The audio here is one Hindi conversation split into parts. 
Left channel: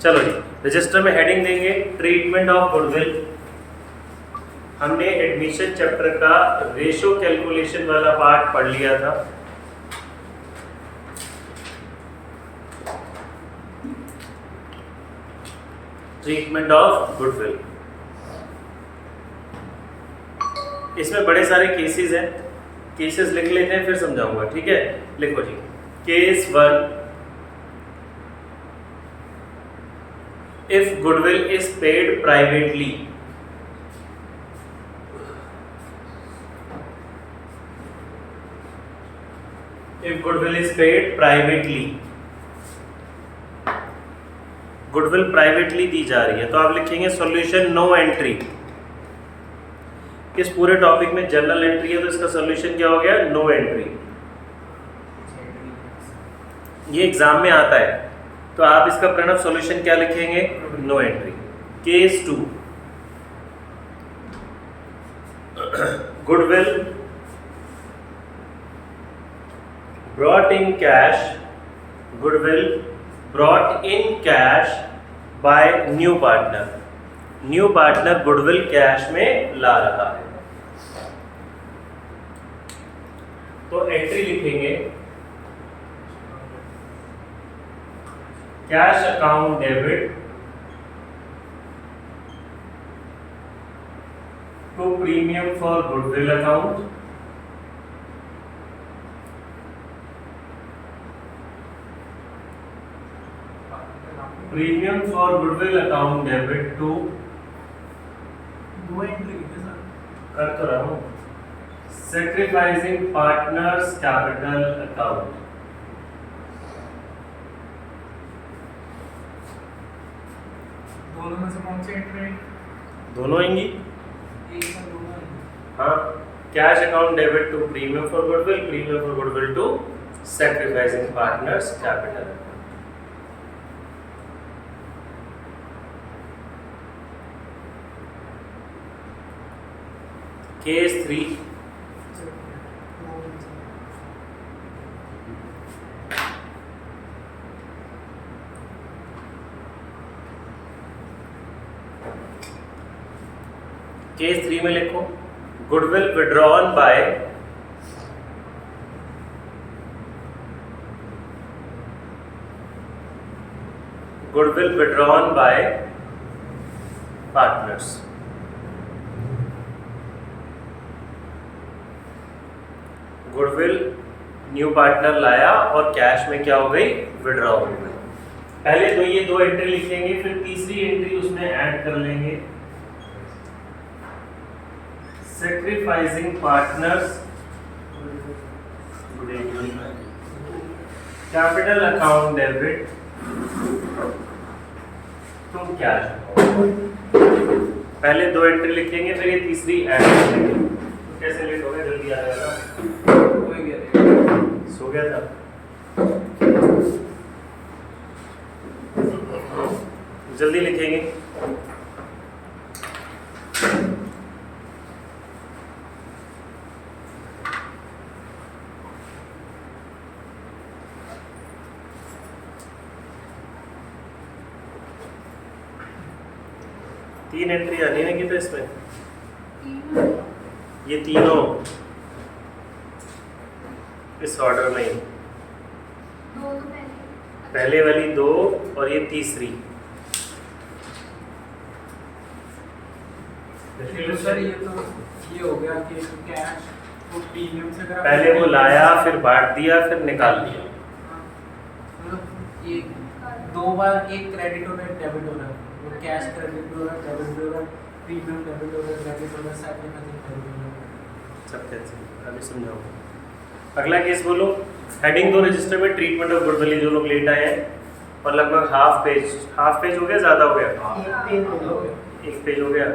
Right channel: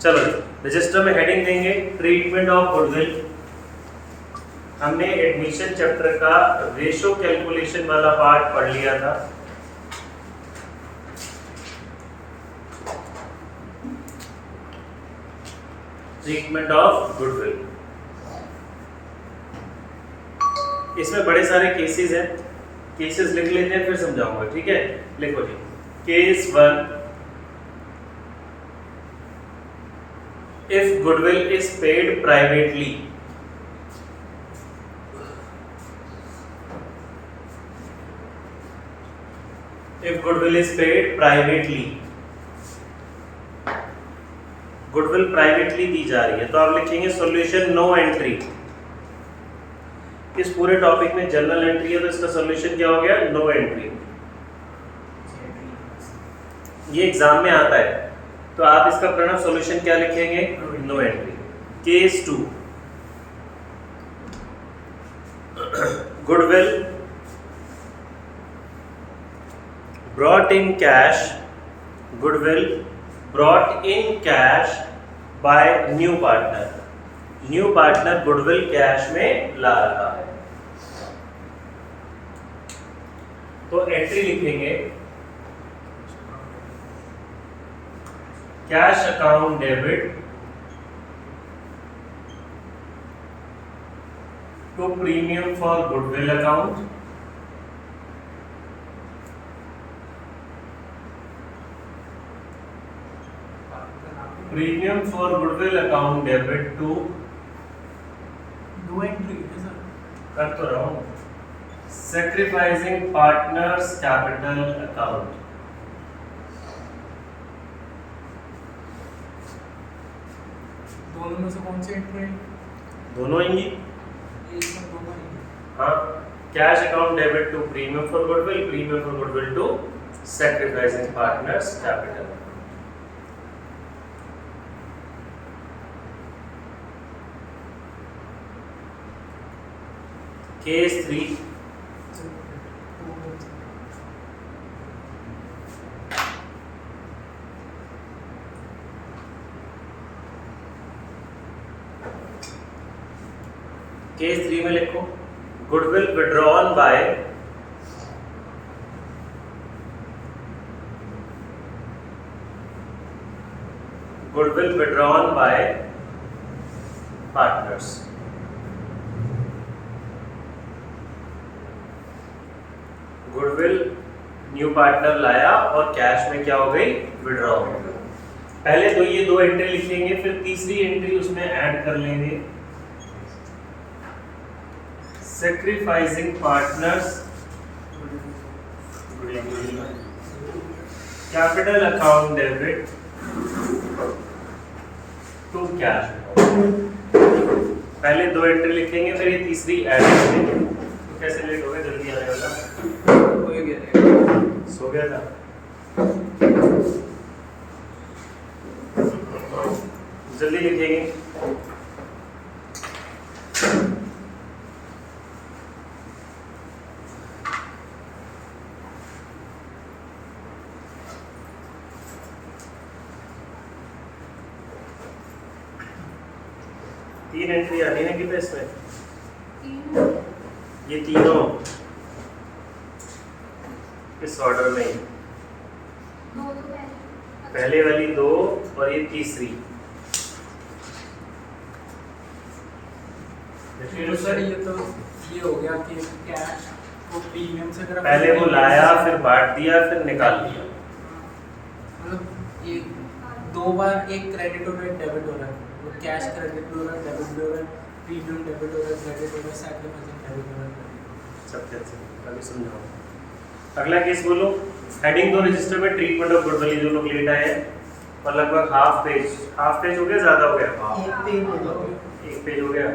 चलो जी, रजिस्टर में हेडिंग देंगे ट्रीटमेंट ऑफ गुडविल। हमने एडमिशन चैप्टर का रेशो कैलकुलेशन वाला पार्ट पढ़ लिया था। ट्रीटमेंट ऑफ गुडविल, इसमें बड़े सारे केसेस हैं, केसेस लिख लेते हैं फिर समझाऊंगा, ठीक है। लिखो जी, case 1, if goodwill is paid privately, if goodwill is paid privately, goodwill privately दी जा रही है तो आप लिखेंगे सॉल्यूशन नो एंट्री। इस पूरे टॉपिक में जनरल एंट्री है तो इसका सॉल्यूशन क्या हो गया, नो एंट्री। ये एग्जाम में आता है तो आप इसका प्रणव सॉल्यूशन क्या लिखेंगे, no entry. Case 2, goodwill brought in cash, goodwill brought in cash by new partner, new partner goodwill cash में ला रहा है तो एंट्री लिखेंगे cash account debit to premium for goodwill account, premium for goodwill account debit to, दो एंट्री है सर, कर तो रहा हूं, सैक्रिफाइसिंग पार्टनर्स कैपिटल अकाउंट। दोनों में से कौन सी एंट्री? दोनों आएंगी, एक में दोनों ही। हाँ, cash account debit to premium for goodwill, premium for goodwill to sacrificing partners capital. Case 3, case 3 में लिखो goodwill withdrawn by, goodwill withdrawn by partners, goodwill new partner लाया और कैश में क्या हो गई, विड्रॉ हो गई। पहले तो ये दो एंट्री लिखेंगे फिर तीसरी एंट्री उसमें ऐड कर लेंगे, sacrificing partners capital account debit to cash account. पहले दो एंट्री लिखेंगे फिर ये तीसरी ऐड करेंगे। कैसे लेट हो गया, जल्दी आने वाला हो गया, सो गया था। जल्दी लिखेंगे, तीन एंट्री आनी है कि तो इसमें ये तीनों इस ऑर्डर में, दो तो पहले वाली दो और ये तीसरी। तो सर ये तो ये हो गया कि कैश को प्रीमियम से अगर पहले वो लाया फिर बांट दिया फिर निकाल लिया। मतलब ये दो बार एक क्रेडिट हो रहा है, डेबिट हो रहा है, वो कैश क्रेडिट हो रहा है, डेबिट हो रहा है, प्रीमियम डेबिट हो रहा है, क्रेडिट हो रहा है, सैक्रिफाइसिंग डेबिट हो रहा है। सब कैसे अभी समझाऊंगा। अगला केस बोलो, हेडिंग दो रजिस्टर में ट्रीटमेंट ऑफ गुडविल, जो लोग लेट आए हैं और लगभग हाफ पेज हो गया, ज्यादा हो गया, एक पेज हो गया।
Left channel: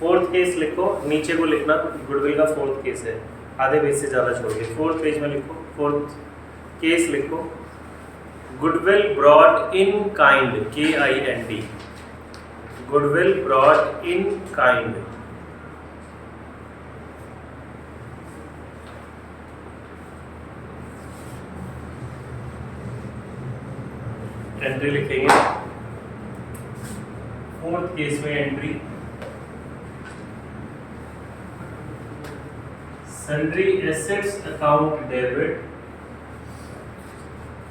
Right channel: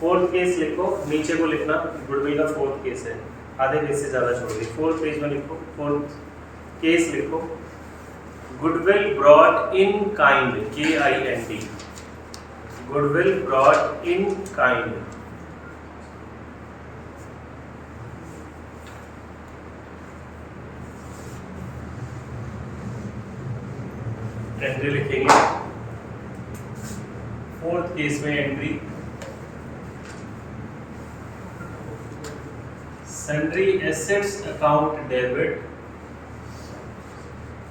फोर्थ केस लिखो, नीचे को लिखना गुडविल का फोर्थ केस है, आधे पेज से ज्यादा छोड़ दिए। फोर्थ पेज में लिखो, फोर्थ केस लिखो, goodwill brought in kind, KIND, goodwill brought in kind. Entry लिखेंगे फोर्थ केस में entry sundry assets account debit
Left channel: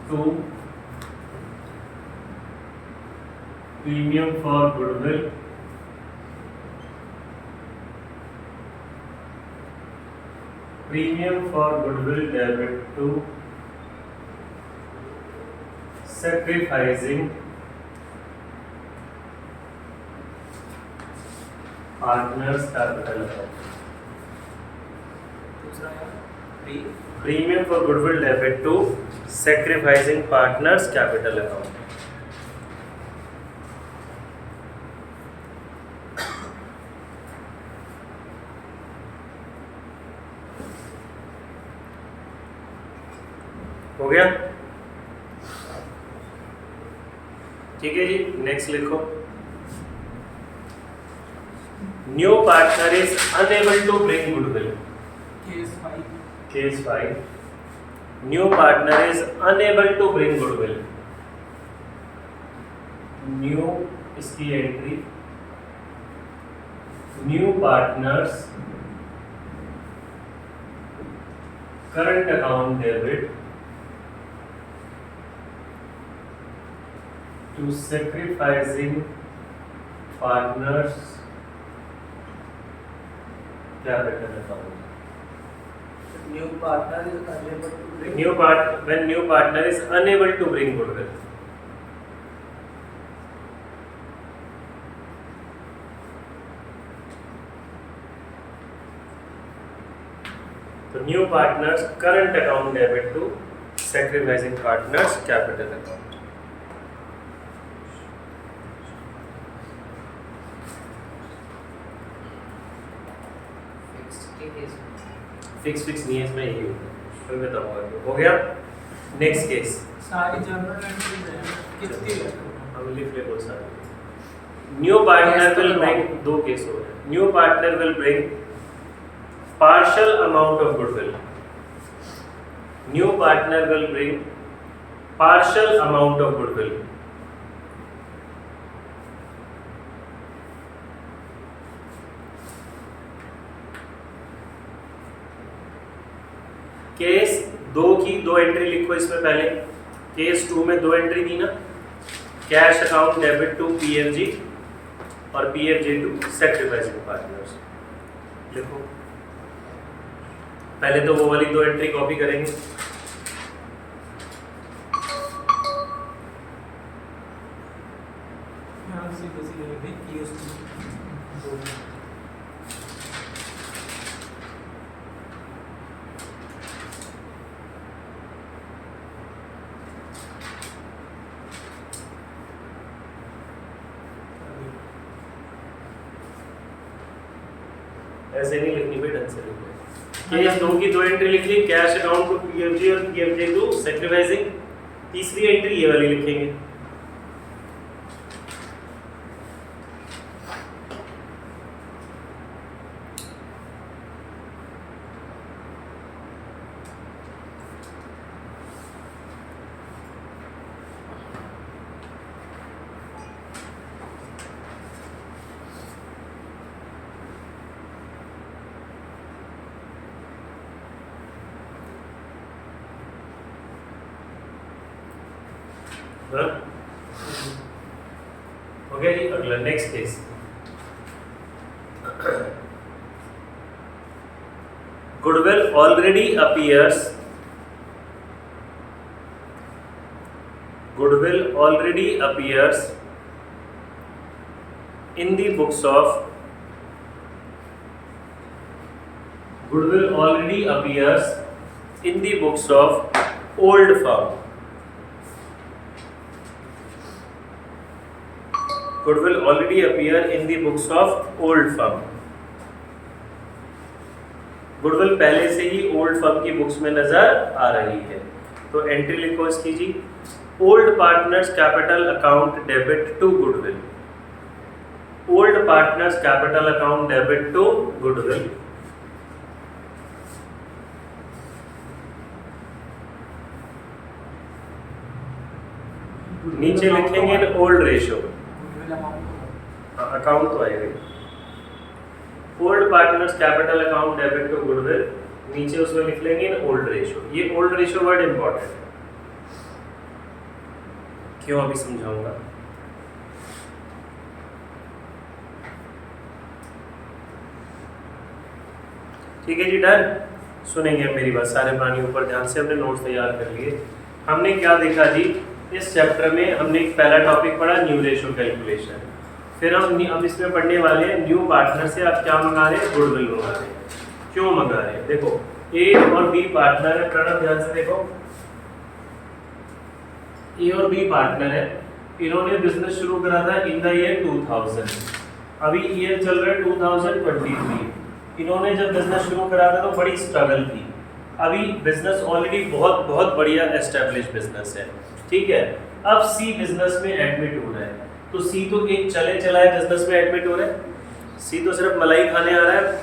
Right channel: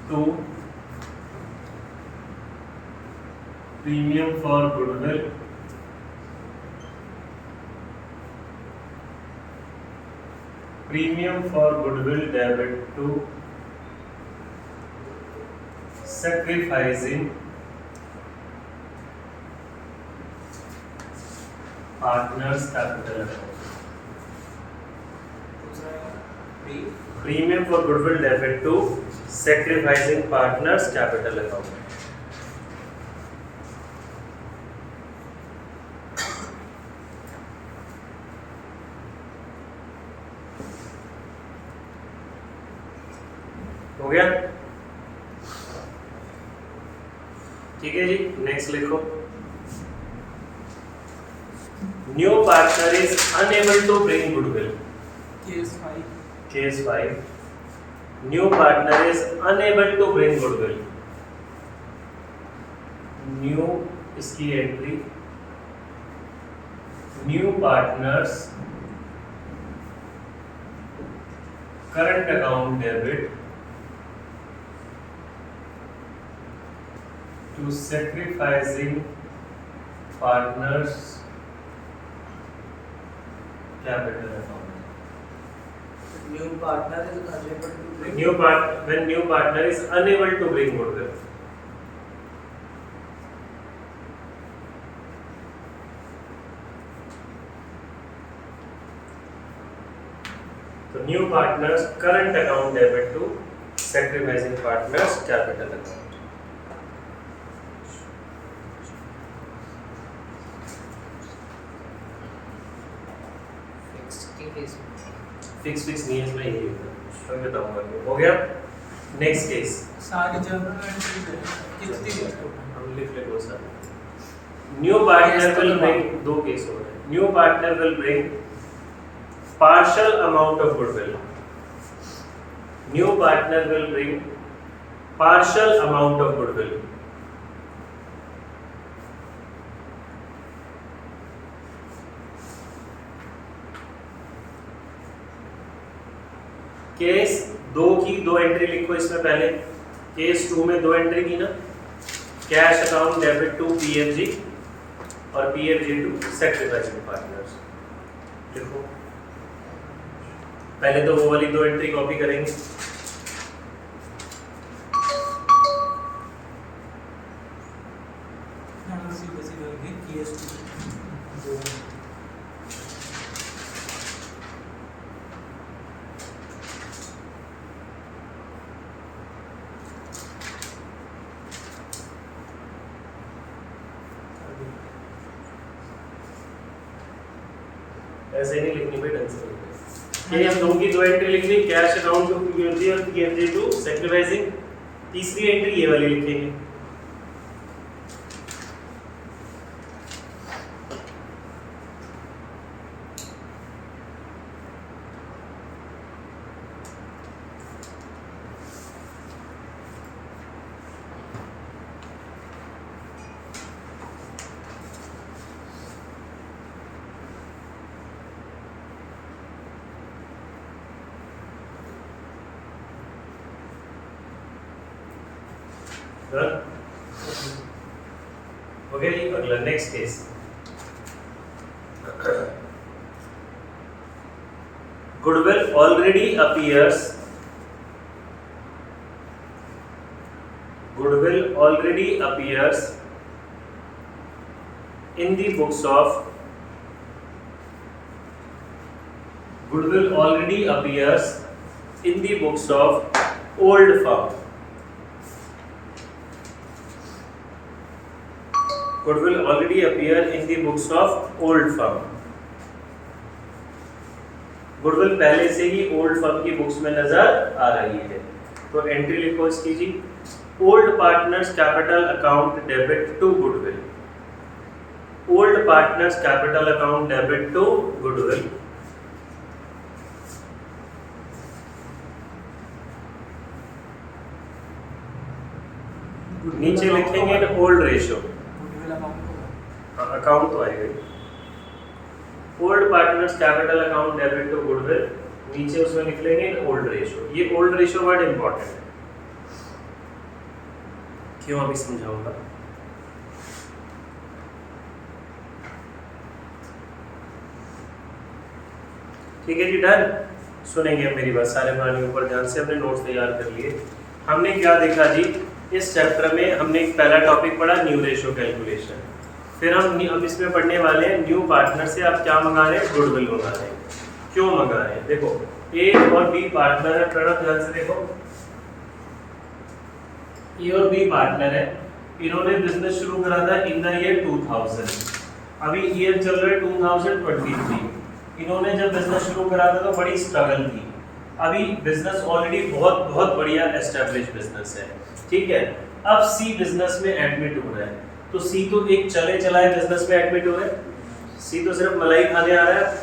to premium for goodwill debit to sacrificing partners capital account. दूसरा है Premium for goodwill debit to sacrificing partners capital account. हो गया? ठीक है जी, नेक्स्ट लिखो। New partner is unable to bring goodwill. Case 5 new partner is unable to bring goodwill. New इसकी entry new partners current account debit to sacrificing partners capital account. New partner is unable to bring. When new partner is unable to bring goodwill. So new partners current account debit to sacrificing partners capital account. Fix नहीं है इसमें, यही तो बताऊंगा। हो गया? Next case. सारी जनरल एंट्रीज है कितनी है? हम लिख ले बहुत सारे। न्यू पार्टनर विल ब्रिंग, दो केस हो रहे हैं। New partner will bring partial amount of goodwill. New partner will bring partial amount of goodwill. Case 2 की 2 एंट्री लिखो इसमें पहले। केस 2 में 2 एंट्री दी ना, cash account debit to PFG और पीएफजी टू सैक्रिफाइसिंग पार्टनर्स। लिखो पहले तो वो वाली 2 एंट्री कॉपी करेंगे। ऐसे नहीं लिखनी कोई ढंग से लिखो। केस 2 की 2 एंट्री लिख ली, कैश अकाउंट टू पीएफजी और पीएफजी टू सैक्रिफाइसिंग। तीसरी एंट्री ये वाली लिखेंगे। हो गया जी। अगला next case. Goodwill already appears in the books of old firm. Goodwill already appear in the books of old firm. Goodwill पहले से ही ओल्ड फर्म की बुक्स में नजर आ रही है। तो एंट्री लिखो इसकी जी। Old partners capital account debit to goodwill. Old partners capital account debit to goodwill. नीचे लिखेंगे ओल्ड रेशियो। गुडविल अमाउंट होगा अकाउंट तो आएगा। Old partners capital account debit to goodwill, नीचे उसमें लिख लेंगे ओल्ड रेशियो। ये ओल्ड रेशियो वर्ड इंपॉर्टेंट है, क्यों अभी समझाऊंगा। ठीक है जी, डन। सुनेंगे मेरी बात सारे प्राणी ऊपर ध्यान से, अपने नोट्स तैयार कर लिए। हमने क्या देखा जी इस चैप्टर में, हमने एक पहला टॉपिक पढ़ा न्यू रेशियो कैलकुलेशन। फिर हम अब इसमें पढ़ने वाले हैं न्यू पार्टनर से आप क्या मंगा रहे हैं, गुडविल मंगा रहे हैं। क्यों मंगा रहे हैं, देखो ए और बी पार्टनर है, प्रणव ध्यान से देखो, ए और बी पार्टनर है, इन्होंने बिजनेस शुरू करा था इन द ईयर 2000, अभी ईयर चल रहा है 2023। इन्होंने जब बिजनेस शुरू करा था तो बड़ी स्ट्रगल थी, अभी बिजनेस ऑलरेडी बहुत बहुत बढ़िया एस्टेब्लिश बिजनेस है, ठीक है। अब सी बिजनेस में एडमिट हो रहा है, तो सी तो एक चले चलाए बिजनेस में एडमिट हो रहा है, सी तो सिर्फ मलाई खाने आ रहा है,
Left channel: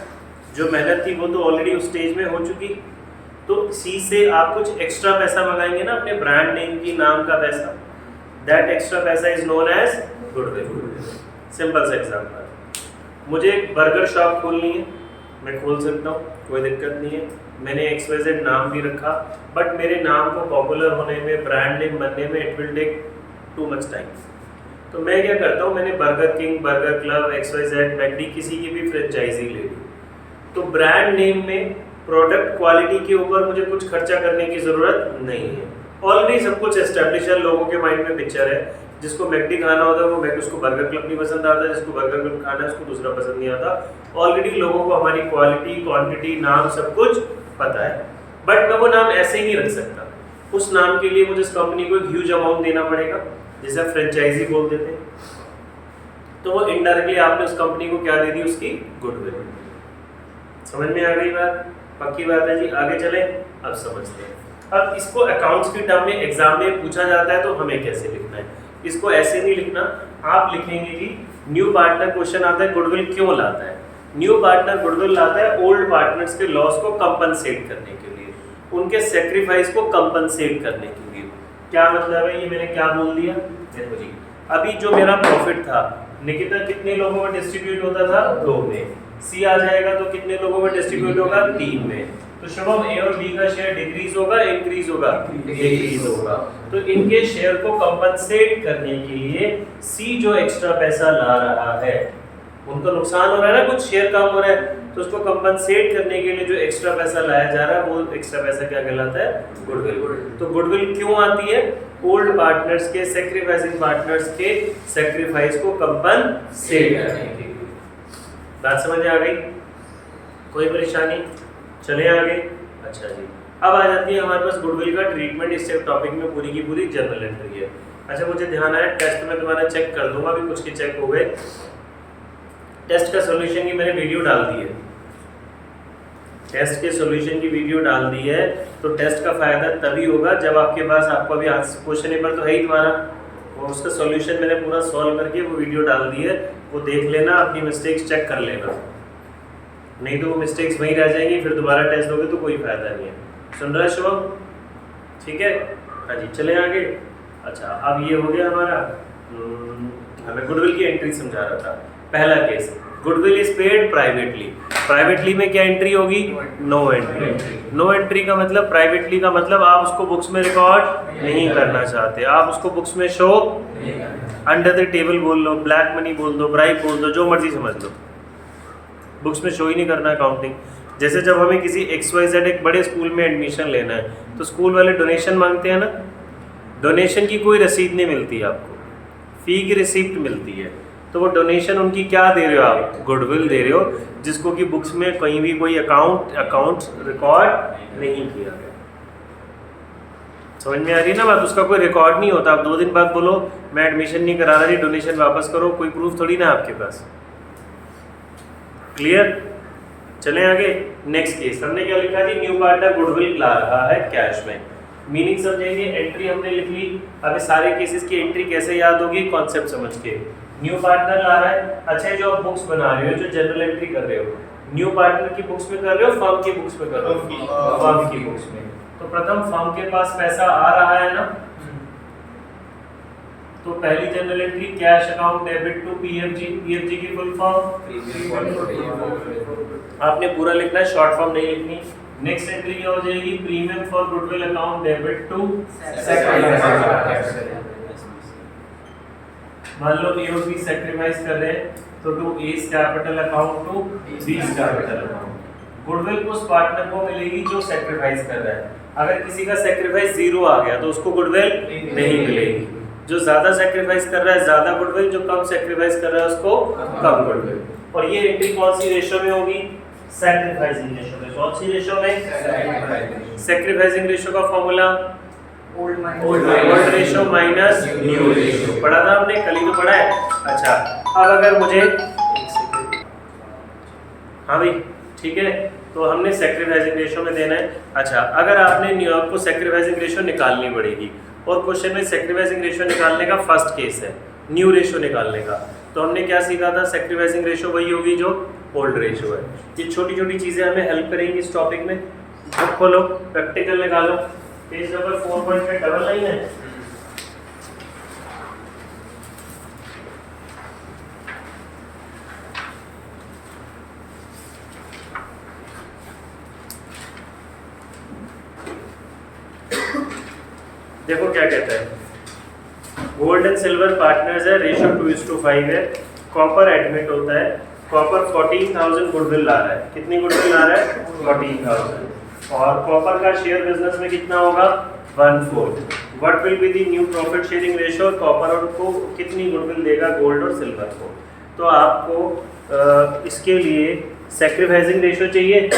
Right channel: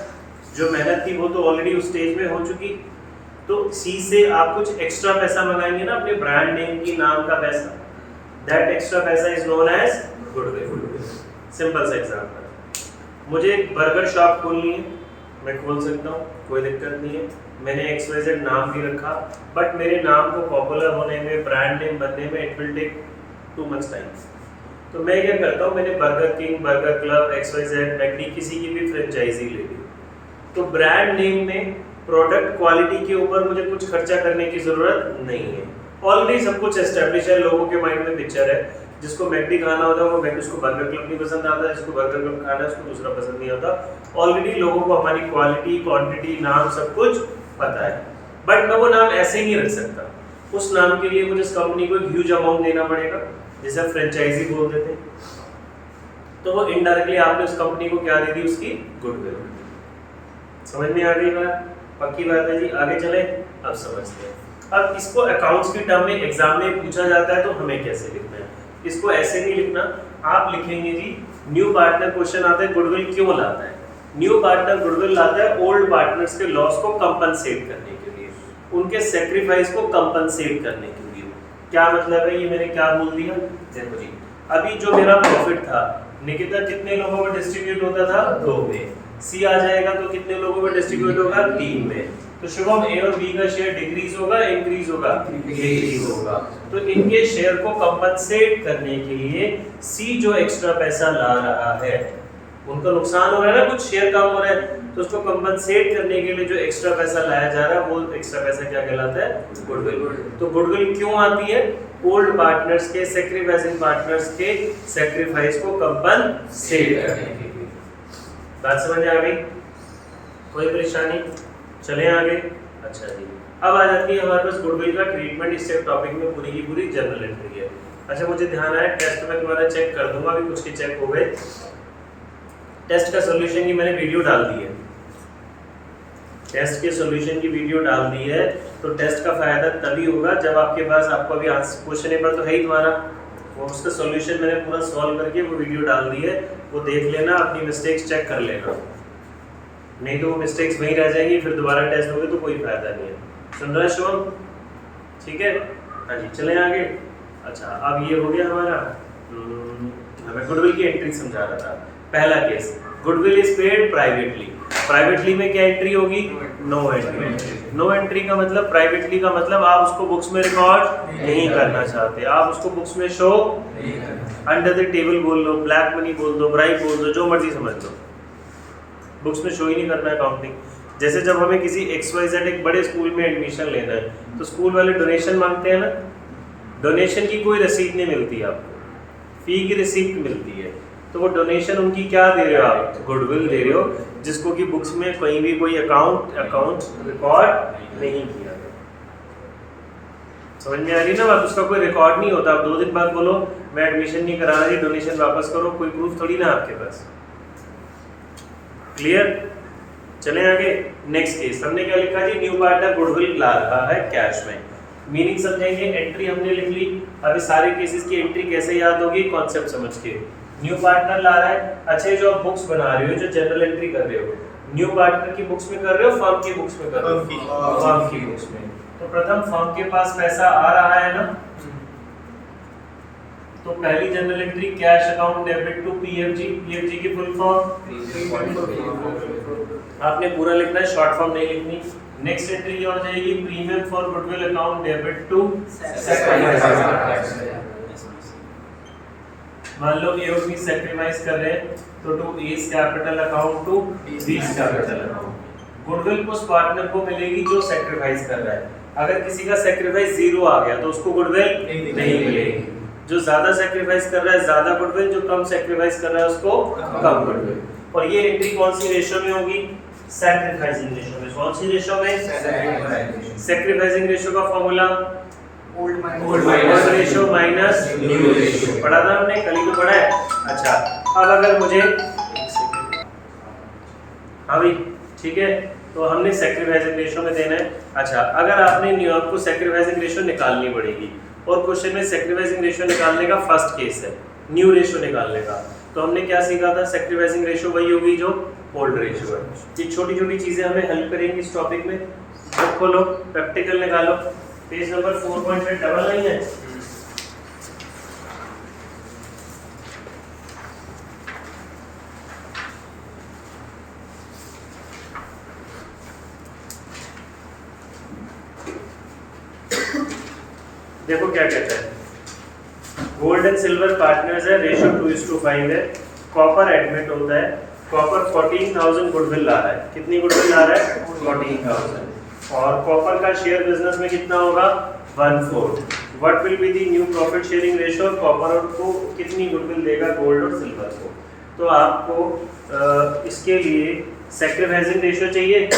जो मेहनत थी वो तो ऑलरेडी उस स्टेज में हो चुकी। तो सी से आप कुछ एक्स्ट्रा पैसा मंगाएंगे ना, अपने ब्रांड नेम की नाम का पैसा, दैट एक्स्ट्रा पैसा is known as goodwill. Simple सा एग्जांपल, मुझे एक बर्गर शॉप खोलनी है, मैं खोल सकता हूँ, कोई दिक्कत नहीं है, मैंने XYZ नाम भी रखा, बट मेरे नाम को पॉपुलर होने में, ब्रांड नेम बनने में it will take too much time. तो मैं क्या करता हूँ, मैंने Burger King, Burger Club, XYZ, McD किसी की भी फ्रेंचाइजी ले ली। तो ब्रांड नेम में प्रोडक्ट क्वालिटी के ऊपर मुझे कुछ खर्चा करने की जरूरत नहीं है, ऑलरेडी सब कुछ एस्टेब्लिश है, लोगों के माइंड में पिक्चर है, जिसको मैकडी खाना होता है वो मैकडी, उसको बर्गर क्लब नहीं पसंद आता, जिसको बर्गर क्लब खाना है उसको दूसरा पसंद नहीं आता। ऑलरेडी लोगों को हमारी क्वालिटी, क्वांटिटी, नाम सब कुछ पता है, बट मैं वो नाम ऐसे ही नहीं रख सकता, उस नाम के लिए मुझे इस कंपनी को ह्यूज अमाउंट देना पड़ेगा, जिसे फ्रेंचाइजी बोल देते हैं। तो वो इनडायरेक्टली आपने उस कंपनी को क्या दे दी, उसकी गुडविल। समझ में आ गई बात, पक्की बात है जी। आगे चले, अब समझते हैं। अब इसको अकाउंट्स के टर्म में एग्जाम में पूछा जाता है तो हमें कैसे लिखना है, इसको ऐसे नहीं लिखना, आप लिखेंगे जी न्यू पार्टनर, क्वेश्चन आता है गुडविल क्यों लाता है। न्यू पार्टनर गुडविल लाता है ओल्ड पार्टनर्स के लॉस को कंपनसेट करने के लिए, उनके सेक्रीफाइस को कंपनसेट करने के लिए। क्या मतलब है, ये मैंने क्या बोल दिया, देखो जी, अभी जो मेरा प्रॉफिट था निकिता कितने लोगों में डिस्ट्रीब्यूट होता था, 2 में, सी आ जाएगा तो कितने लोगों में डिस्ट्रीब्यूट होगा, 3 में। तो शुभम ए और बी का शेयर डिक्रीज होगा, इंक्रीज होगा, डिक्रीज होगा। तो इनके शेयर को कंपनसेट करने के लिए सी जो एक्स्ट्रा पैसा ला रहा है, उनको नुकसान हो रहा है ना, कुछ शेयर कम हो रहा है, तो उसको कंपनसेट करने के लिए जो एक्स्ट्रा पैसा लाया जा रहा है वो एक्स्ट्रा पैसा क्या कहलाता है, गुडविल। तो गुडविल क्यों आती है, ओल्ड पार्टनर्स के, सैक्रिफाइसिंग पार्टनर्स के सैक्रिफाइस को कंपनसेट करने के लिए। बात समझ में आ गई, कोई परेशानी, चलें आगे। अच्छा जी, अब आ जाती है हमारे पास गुडविल का ट्रीटमेंट, इस टॉपिक में पूरी की पूरी जनरल एंट्री है। अच्छा मुझे ध्यान आया, टेस्ट में तुम्हारा चेक कर दूंगा, अभी कुछ के चेक हो गए, टेस्ट का सॉल्यूशन की मैंने वीडियो डाल दी है, टेस्ट के सॉल्यूशन की वीडियो डाल दी है। तो टेस्ट का फायदा तभी होगा जब आपके पास, आपको अभी क्वेश्चन पेपर तो है ही तुम्हारा, वो उसका सॉल्यूशन मैंने पूरा सॉल्व करके वो वीडियो डाल दी है, वो देख लेना, अपनी मिस्टेक्स चेक कर लेना, नहीं तो वो मिस्टेक्स वहीं रह जाएंगी, फिर दोबारा टेस्ट होगी तो कोई फायदा नहीं है। सुन रहा शुभम, ठीक है। हाँ जी, चलें आगे। अच्छा अब ये हो गया हमारा, मैं गुडविल की एंट्री समझा रहा था। पहला case, goodwill is paid privately, privately में क्या एंट्री होगी, नो एंट्री। नो एंट्री का मतलब, प्राइवेटली का मतलब आप उसको बुक्स में रिकॉर्ड नहीं करना चाहते, आप उसको बुक्स में शो अंडर द टेबल बोल लो, ब्लैक मनी बोल दो, ब्राइब बोल दो, जो मर्जी समझ लो, बुक्स में शो ही नहीं करना अकाउंटिंग। जैसे जब हमें किसी XYZ एक बड़े स्कूल में एडमिशन लेना है तो स्कूल वाले डोनेशन मांगते हैं ना, डोनेशन की कोई रसीद नहीं मिलती आपको, फी की रिसिप्ट मिलती है, तो वो डोनेशन उनकी क्या दे रहे हो आप, गुडविल दे रहे हो, जिसको कि बुक्स में कहीं भी कोई अकाउंट रिकॉर्ड नहीं किया गया। समझ में आ रही है ना बात, उसका कोई रिकॉर्ड नहीं होता। आप 2 दिन बाद बोलो मैं एडमिशन नहीं करा रहा जी, डोनेशन वापस करो, कोई प्रूफ थोड़ी ना आपके पास। क्लियर, चलें आगे। नेक्स्ट केस, हमने क्या लिखा जी, न्यू पार्टनर गुडविल ला रहा है कैश में, मीनिंग समझेंगे, एंट्री हमने लिख ली। अब सारे केसेस की एंट्री कैसे याद होगी, कॉन्सेप्ट समझ के। न्यू पार्टनर ला रहा है, अच्छा जो आप बुक्स बना रहे हो, जो जनरल एंट्री कर रहे हो, न्यू पार्टनर की बुक्स में कर रहे हो, फर्म की बुक्स में कर रहे हो, फर्म की बुक्स में। तो प्रथम फर्म के पास पैसा आ रहा है ना, तो पहली journal entry cash account debit to PFG, PFG की फुल फॉर्म आपने पूरा लिखना है, शॉर्ट फॉर्म नहीं लिखनी। नेक्स्ट एंट्री ये हो जाएगी premium for goodwill account debit to मान लो ए और बी सैक्रिफाइस कर रहे हैं तो to A's capital account to B's capital account. Goodwill उस पार्टनर को मिलेगी जो सैक्रिफाइस कर रहा है। अगर किसी का सैक्रिफाइस 0 आ गया तो उसको गुडविल नहीं मिलेगी। जो ज्यादा सैक्रिफाइस कर रहा है ज्यादा गुडविल, जो कम सैक्रिफाइस कर रहा है उसको कम गुडविल। और ये एंट्री कौन सी रेशो में होगी? सैक्रिफाइसिंग रेशो में। कौन सी रेशो में? सैक्रिफाइसिंग रेशो का formula old ratio minus new ratio. पढ़ा था हमने, कल ही तो पढ़ा है। अच्छा, अब अगर मुझे हाँ भाई ठीक है, तो हमने सैक्रिफाइसिंग रेशो में देना है। अच्छा, अगर आपको सैक्रिफाइसिंग रेशो निकालनी पड़ेगी और क्वेश्चन में सैक्रिफाइसिंग रेशो निकालने का फर्स्ट केस है न्यू रेशो निकालने का, तो हमने क्या सीखा था? सैक्रिफाइसिंग रेशो वही होगी जो ओल्ड रेशो है। ये छोटी छोटी चीजें हमें हेल्प करेंगी इस टॉपिक में। बुक खोलो, प्रैक्टिकल निकालो, पेज नंबर 4.8 डबल लाइन है। देखो क्या कहता है, गोल्ड एंड सिल्वर पार्टनर्स है, रेशियो 2:5 है। कॉपर एडमिट होता है, कॉपर 14,000 गुडविल ला रहा है। कितनी गुडविल ला रहा है? 14,000। और कॉपर का शेयर बिजनेस में कितना होगा? 1/4। What will be the new profit sharing ratio? Copper को कितनी गुडविल देगा गोल्ड और सिल्वर को? तो आपको इसके लिए सैक्रिफाइसिंग रेशियो चाहिए।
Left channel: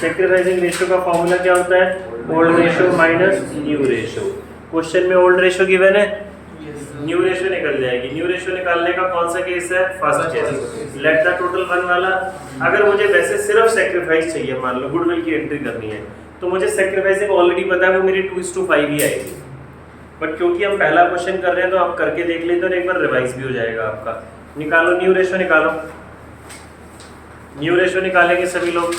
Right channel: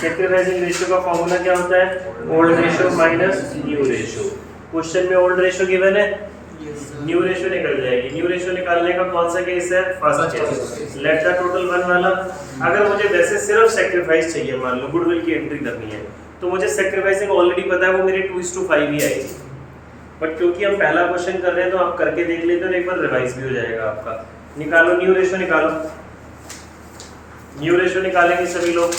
सैक्रिफाइसिंग रेशियो का फॉर्मूला क्या होता है? Old ratio minus new ratio. Question में ओल्ड रेशियो गिवन है, न्यू रेशियो निकल जाएगी। न्यू रेशियो निकालने का कौन सा केस है? First case. Late the total 1 वाला। अगर मुझे वैसे सिर्फ सैक्रिफाइस चाहिए, मान लो गुडविल की एंट्री करनी है, तो मुझे सैक्रिफाइसिंग ऑलरेडी पता है वो मेरी 2:5 ही आएगी। बट क्योंकि हम पहला क्वेश्चन कर रहे हैं तो आप करके देख लेते हैं, एक बार रिवाइज भी हो जाएगा आपका। निकालो न्यू रेशियो, निकालो न्यू रेशियो। निकालेंगे सभी लोग।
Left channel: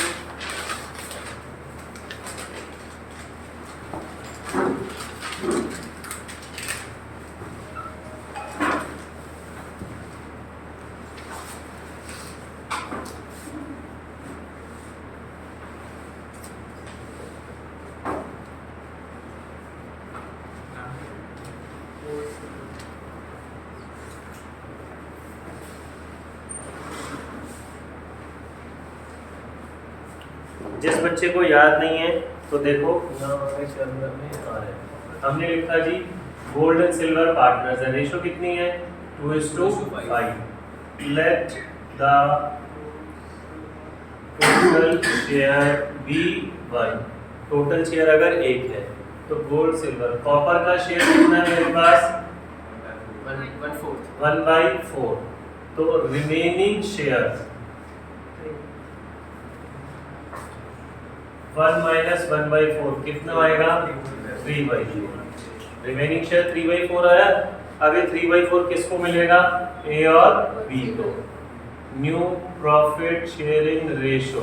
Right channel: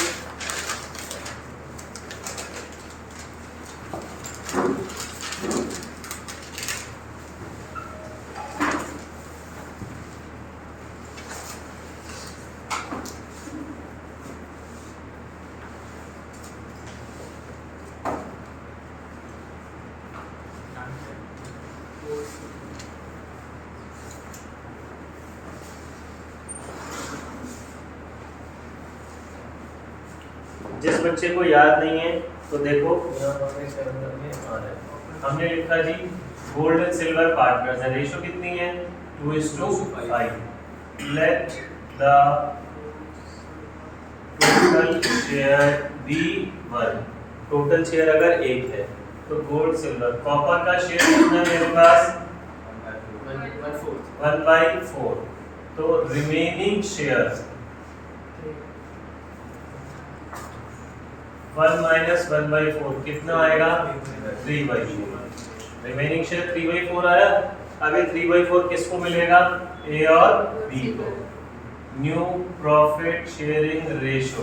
जिस बच्चे को याद नहीं है तो देखो हमने लिखा G gold and silver partners है, रेशियो कितनी है? 2:5। Let the total share be 1। Total share अगर 1 है तो गोल्ड सिल्वर कॉपर का शेयर कितना है मेरे पास? 1/4। तो रिमेनिंग शेयर 1 माइनस 1/4 कितना आएगा? 3/4। रिमेनिंग शेयर 3/4 आया। अभी 3/4 किसको मिलेगा? ए और बी को। New profit sharing ratio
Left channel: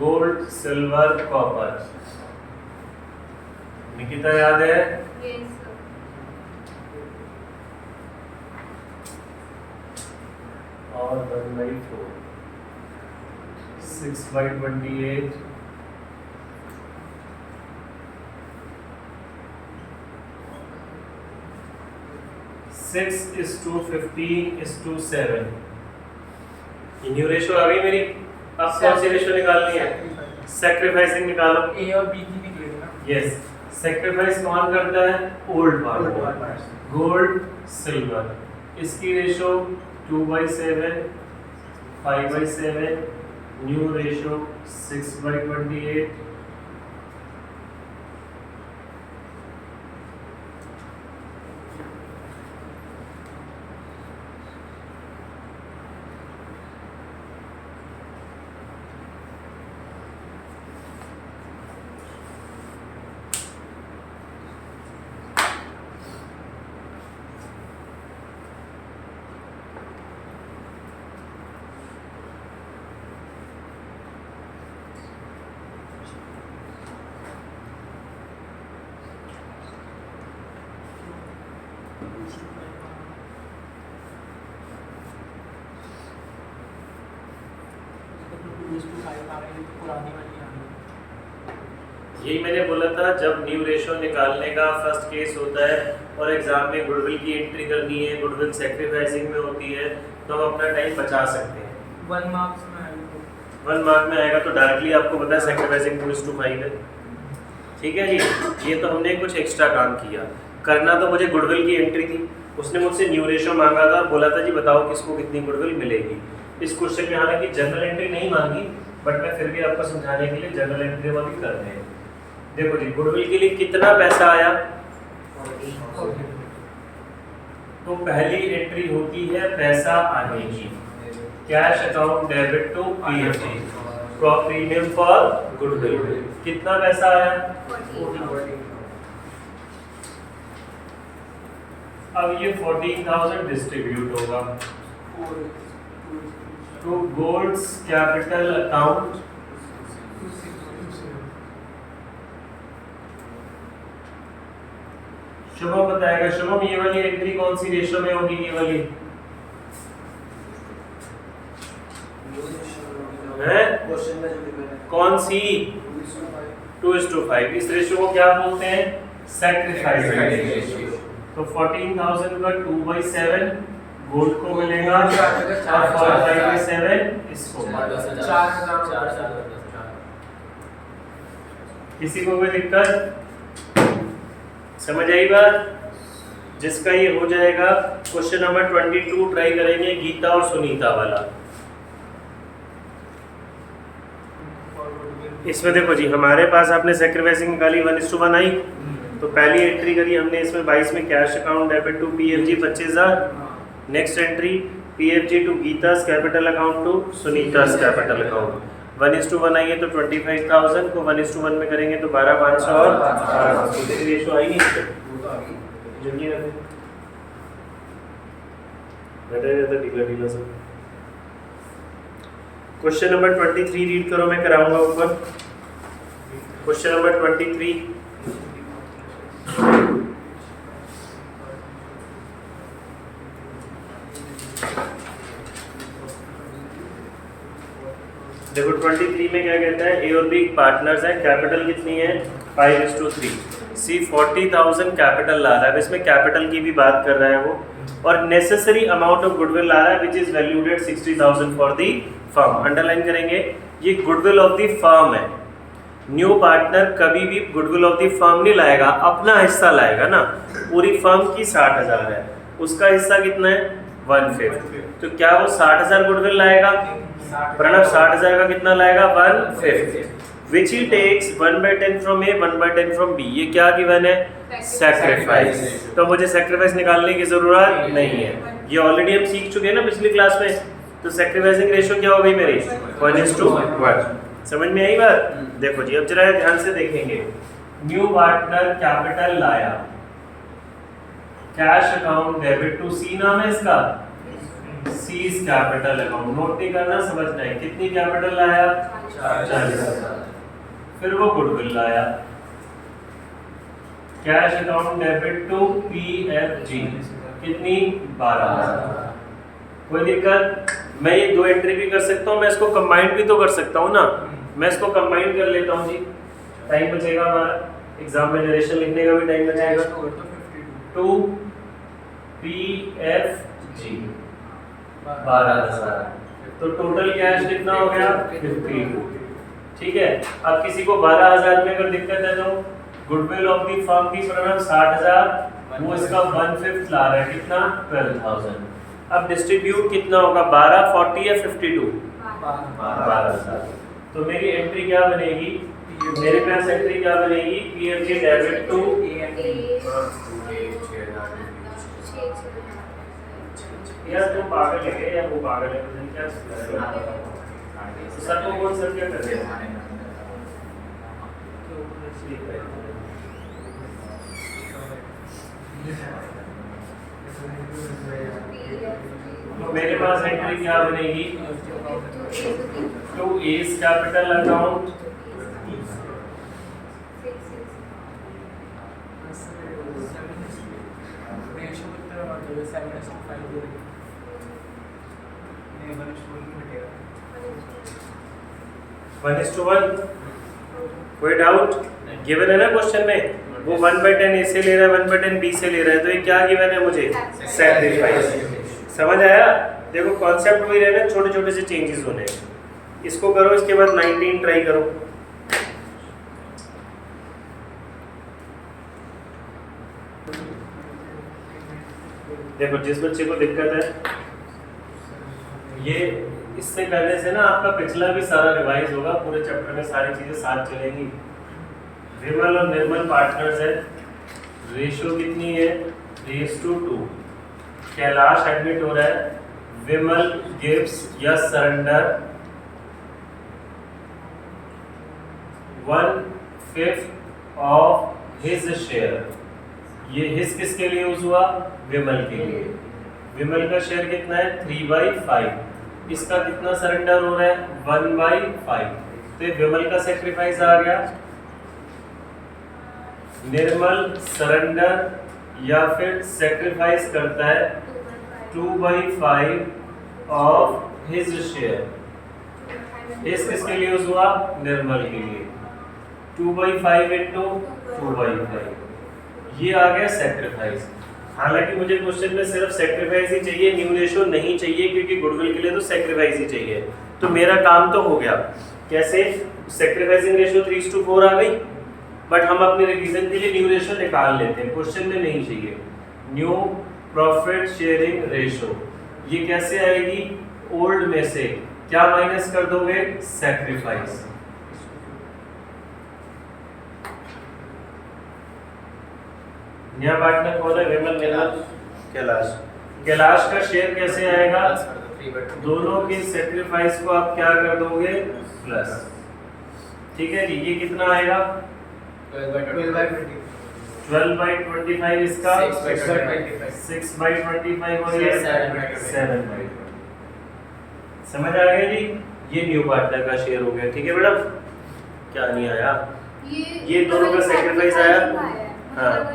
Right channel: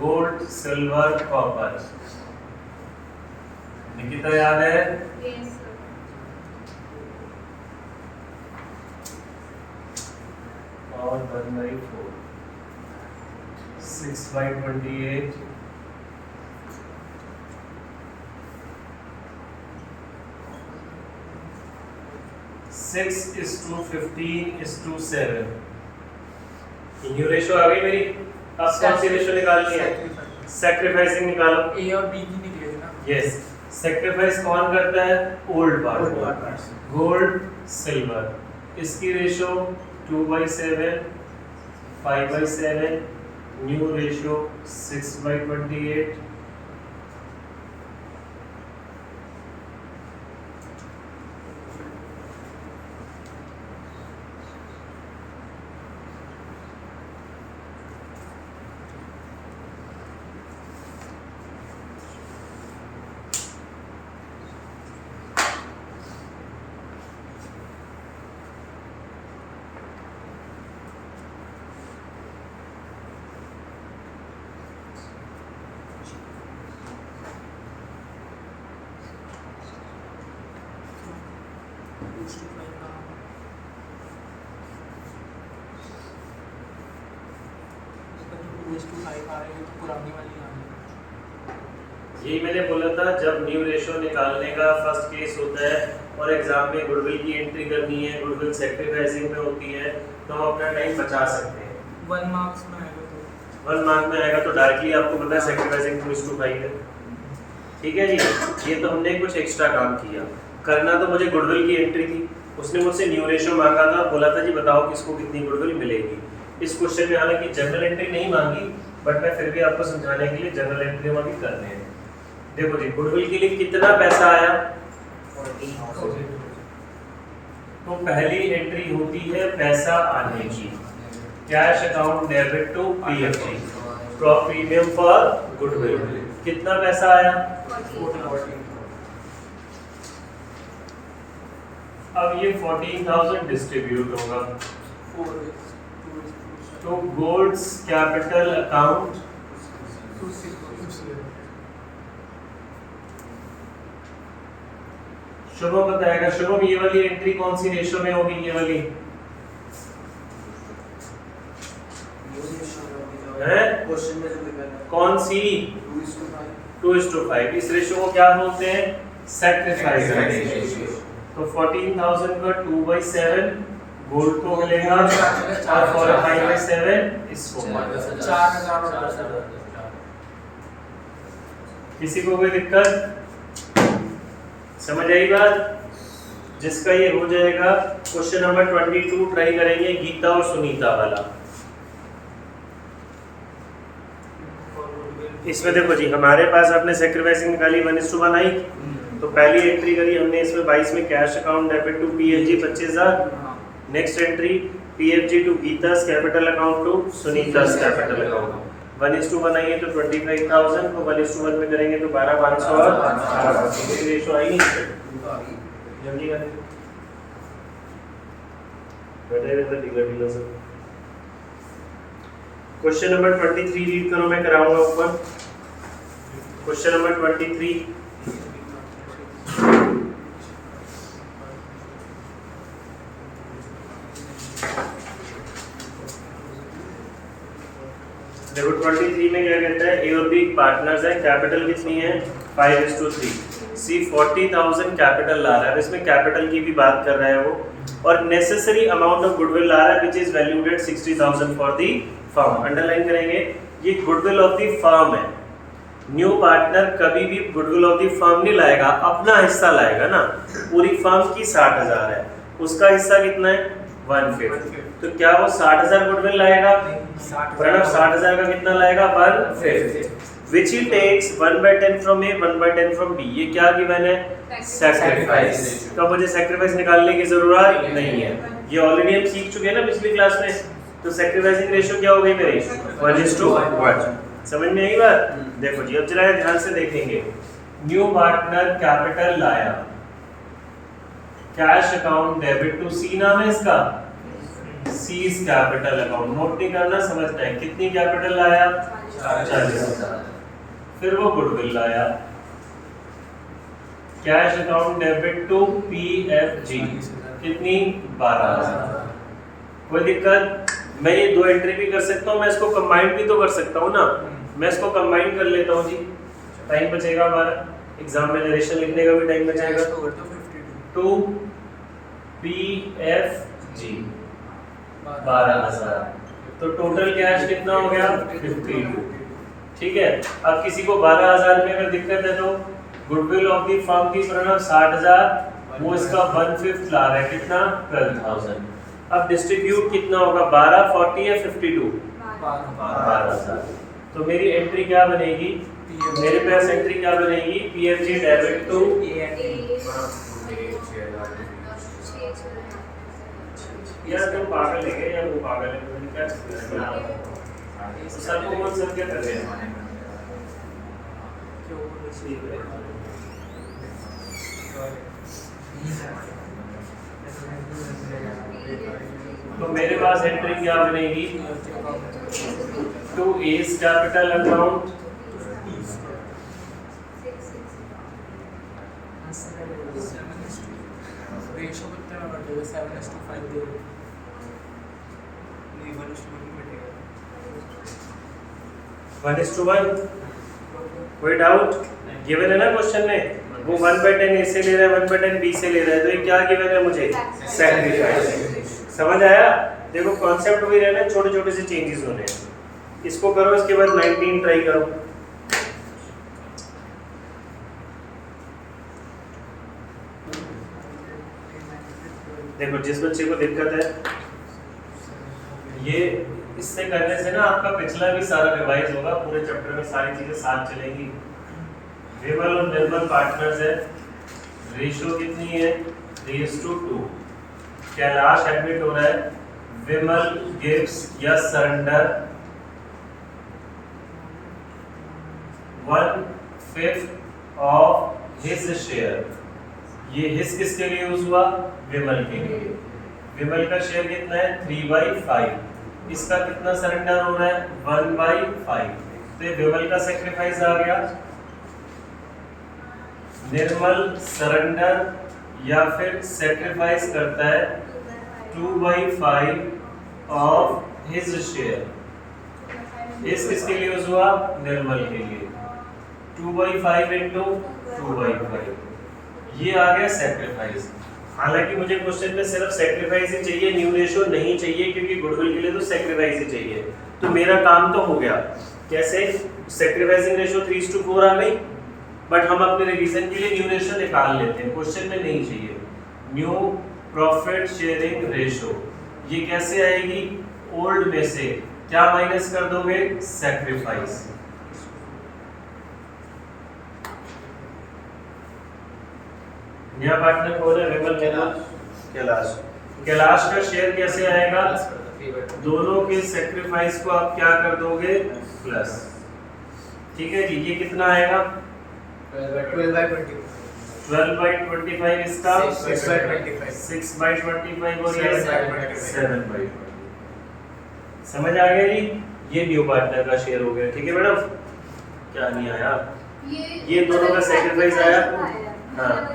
gold silver copper. Nikita याद है? Yes sir. और 1/4 6/28 6:15:7। न्यू रेशियो आ गई मेरी। अब कौन सी रेशियो निकालनी है? सैक्रिफाइसिंग निकालो। ए और बी की निकलेगी ना? यस, सैक्रिफाइस कौन करता है? Old partner, gold silver. इसकी रेशियो 2/7 5/7। New ratio 6/28। दिखा रहे हैं, तो पुरानी वाली आ रही है। यही मैंने बोला था, जब न्यू रेशो निकालने का फर्स्ट केस होता है और एग्जाम में गुडविल की एंट्री करनी है, गुडविल सेक्रीफाइसिंग में होती है, तो हम अपना टाइम बचा सकते हैं। 1 मार्क्स में आएगा तो 1 मार्क में आएगा तो डायरेक्टली आपको पता है सेक्रीफाइसिंग 2:5 है। ठीक है जी, ये तो हमने कुछ एक्स्ट्रा काम किया। करना तो मुझे गुडविल की एंट्री थी, उसने मुझसे न्यू रेशो मांगा था, बोला था जी बताओ किसको कितनी गुडविल मिलेगी। इस क्वेश्चन में हालांकि जनरल एंट्री नहीं मांगी, बट मैं फिर भी आपको समझाने के लिए जनरल एंट्री वाली कर रहे हैं। देखो जी, गुडविल के लिए कितना पैसा आया, 14,000। तो पहली एंट्री होती है पैसा आने की, cash account debit to PFG, premium for goodwill. कितना पैसा आया, 14,000। अब ये 14,000 डिस्ट्रीब्यूट होगा 4 तो गुड्स कैपिटल अकाउंट 2,600। शुभम बताएगा। शुभम, ये वाली एंट्री कौन सी रेशो में होगी, ये वाली है क्वेश्चन में जो लिखा है कौन सी, 2:5। इस रेशो को क्या बोलते हैं, सैक्रिफाइस रेशियो। तो 14,000 का 2/7 गोल्ड को मिलेगा और 5/7 इसको। 4,000। किसी को कोई दिक्कत, समझ आई बात? जिसका ये हो जाएगा, क्वेश्चन नंबर 22 ट्राई करेंगे, गीता और सुनीता वाला। इसमें देखो जी, हमारे पास आपने सैक्रिफाइसिंग निकाली 1:1 आई, तो पहली एंट्री करी हमने इसमें 22 में cash account debit to PFG 25,000। Next entry PFG to Geeta's capital account to Sunita's capital account. 1:1 आई है तो 25,000 को 1:1 में करेंगे तो 12,500 और 400 रेशो आई नहीं। जल्दी रखें, बैठे रहता ढीला से। क्वेश्चन नंबर 23 रीड करो, मैं कराऊंगा ऊपर। Question number 23। देखो 23 में क्या कहता है, ए और बी पार्टनर्स हैं, कैपिटल कितनी है 5:3। सी 40,000 कैपिटल ला रहा है, इसमें कैपिटल की भी बात कर रहा है वो, और नेसेसरी अमाउंट ऑफ गुडविल ला रहा है which is valued at 60,000 for the firm. Underline करेंगे, ये गुडविल ऑफ द फर्म है। न्यू पार्टनर कभी भी गुडविल ऑफ द फर्म नहीं लाएगा, अपना हिस्सा लाएगा ना। पूरी फर्म की 60,000 है, उसका हिस्सा कितना है 1/5। तो क्या वो 60,000 गुडविल लाएगा, प्रणव 60,000 का कितना लाएगा 1/5, which he takes 1/10 from A 1/10 from B। ये क्या गिवन है, सैक्रिफाइस। तो मुझे सैक्रिफाइस निकालने की जरूरत नहीं है, ये ऑलरेडी हम सीख चुके हैं ना पिछली क्लास में। तो सैक्रिफाइसिंग रेशियो क्या हो गई मेरी 1:1। समझ में आई बात? देखो जी, अब जरा ध्यान से देखेंगे। न्यू पार्टनर कैपिटल लाया, कैश अकाउंट डेबिट टू सी नाम है इसका, सीज कैपिटल अकाउंट। नोट नहीं करना, समझना है। कितनी कैपिटल लाया 40,000। फिर वो गुडविल लाया, cash account debit to PFG कितनी 12,000। कोई दिक्कत? मैं ये दो एंट्री भी कर सकता हूँ, मैं इसको कंबाइन भी तो कर सकता हूँ ना। मैं इसको कंबाइन कर लेता हूँ जी, टाइम बचेगा हमारा, एग्जाम में नरेशन लिखने का भी टाइम बचेगा। टू पीएफजी 12,000, तो टोटल कैश कितना हो गया 52। ठीक है, अब किसी को 12,000 में अगर दिक्कत है तो गुडविल ऑफ द फर्म की प्रणव 60,000, वो इसका 1/5 ला रहा है, कितना 12,000। अब डिस्ट्रीब्यूट कितना होगा 12, 40 या 52, 12,000। तो मेरी एंट्री क्या बनेगी, मेरे पास एंट्री क्या बनेगी, पीएफजी डेबिट टू या तो पागल है या वो पागल है, तो क्या सर को कौन सर क्या कर रहे हैं। तो मेरे पास एंट्री क्या बनेगी, to A's capital account ratio कितना होगा 7:5 नहीं 1:1 घटेगा। 1:1, कोई डाउट? गिवन है ना क्वेश्चन में, वो 1/10 ए से ले रहा है, 1/10 बी से ले रहा है, तो ये क्या गिवन है मुझे? सैक्रिफाइस। समझ आया? देखो कॉन्सेप्ट वही रहना, छोटे छोटे से चेंजेस होने हैं। इसको करो, इसके बाद 19 ट्राई करो। देखो जिस बच्चे को दिक्कत है, ये इससे करने से ना आपका पिछला भी सारा रिवाइज होगा, पूरे चैप्टर में सारी चीजें साथ चलेंगी। विमल और निर्मल पार्टनर्स है, रेशियो कितनी है? 3:2। कैलाश एडमिट हो रहा है, विमल गिव्स या सरेंडर 1/5 ऑफ हिज शेयर। ये हिज किसके लिए यूज हुआ? विमल के लिए। विमल का शेयर कितना है? 3/5। इसका कितना सरेंडर हो रहा है? 1/5। तो ये विमल का सेक्रीफाइस आ गया। निर्मल सरेंडर या फिर सेक्रीफाइस करता है 2/5 ऑफ हिज शेयर। इस किसके लिए यूज हुआ? निर्मल के लिए। 2/5 इंटू 2/5, ये आ गया सेक्रीफाइस। हालांकि मुझे क्वेश्चन में सिर्फ सेक्रीफाइस ही चाहिए, न्यू रेशियो नहीं चाहिए, क्योंकि गुडविल के लिए तो सेक्रीफाइस ही चाहिए। तो मेरा काम तो हो गया। कैसे? सेक्रीफाइसिंग रेशियो 3:4 आ गई, बट हम अपने रिवीजन के लिए न्यू रेशियो निकाल लेते हैं, क्वेश्चन में नहीं चाहिए। न्यू प्रॉफिट शेयरिंग रेशियो, ये कैसे आएगी? ओल्ड में से क्या माइनस कर दोगे? सेक्रीफाइस। नया पार्टनर कौन है? विमल, निर्मल, कैलाश। कैलाश का शेयर कैसे आएगा? दोनों के सेक्रीफाइस को आप क्या कर दोगे? प्लस। ठीक है जी, ये कितना आएगा? 12/25 इसका 6/25 और ये 7/25। समझ आ गया जी? ये न्यू पार्टनर का शेयर हो गया। ठीक है मैडम? क्या नहीं आया? ये दोनों का सेक्रीफाइस आया? हाँ,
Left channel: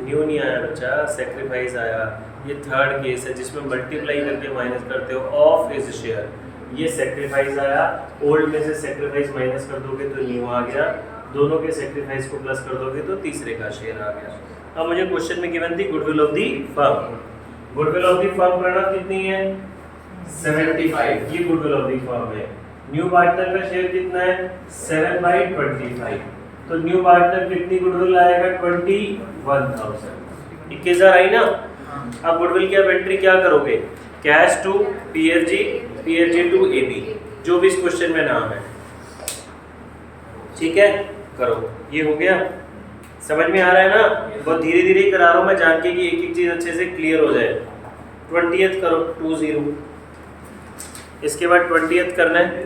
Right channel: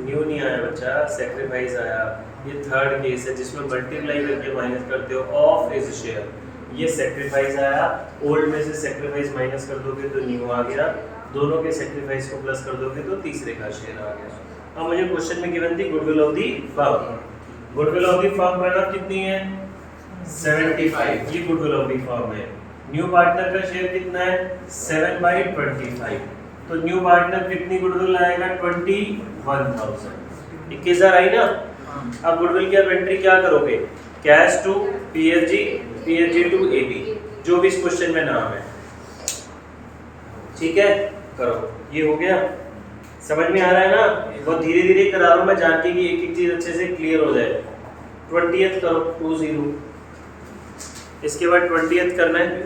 न्यू नहीं आया बच्चा, सेक्रीफाइस आया। ये थर्ड केस है जिसमें मल्टीप्लाई करके माइनस करते हो ऑफ हिज शेयर। ये सेक्रीफाइस आया, ओल्ड में से सेक्रीफाइस माइनस कर दोगे तो न्यू आ गया, दोनों के सेक्रीफाइस को प्लस कर दोगे तो तीसरे का शेयर आ गया। अब मुझे क्वेश्चन में गिवन थी goodwill of the firm. Goodwill of the firm Pranav कितनी है? 75। ये गुडविल ऑफ दी फर्म है। न्यू पार्टनर का शेयर कितना है? 7/25। तो न्यू पार्टनर कितनी गुडविल आएगा? 21,000। 21,000 आई ना? अब गुडविल की आप एंट्री क्या करोगे? Cash to PFG, PFG to AB, जो भी इस क्वेश्चन में नाम है। ठीक है, करो। ये हो गया, समझ में आ रहा है ना? बहुत धीरे धीरे करा रहा हूं मैं, जान के कि एक एक चीज अच्छे से क्लियर हो जाए। 20th करो 20। इसके बाद 20th करना है